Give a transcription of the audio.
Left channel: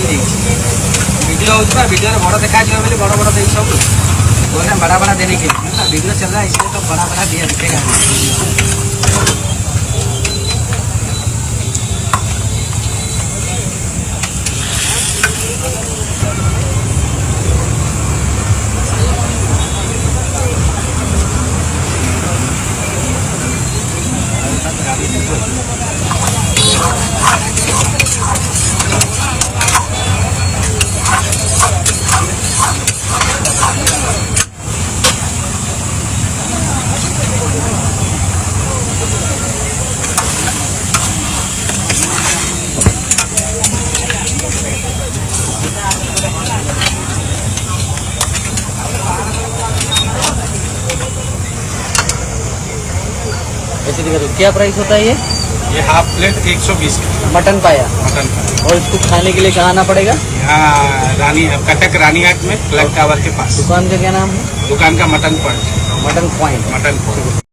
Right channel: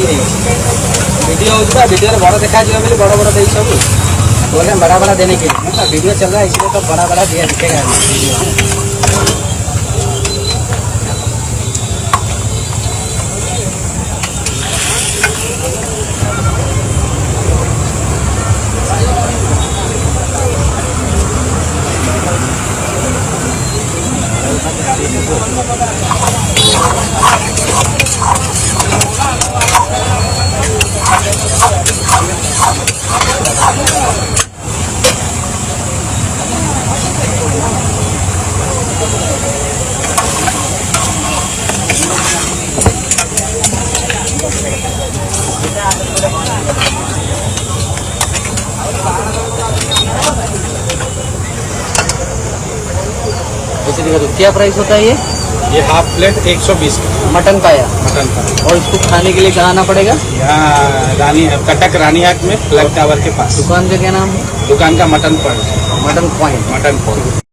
देखी वीडियो होगा वीडियो बड़ देखा बोले बड़ बड़ दे सब बोले बड़ा बड़ा देने के लिए मतलब वीडियो चल रहा है इसलिए तो बड़ा बड़ा दिया दिखेगा। क्या प्राइस होता है ये हाफ प्लेट 120 का मटन का है? मटन का। और इसको खाने के लिए क्या लाना पड़ेगा? यहाँ कटक रानीहाट में फ्लैग टावर के पास दुकान का क्या नाम है? दुकान का mutton point. Mutton point. Mutton point.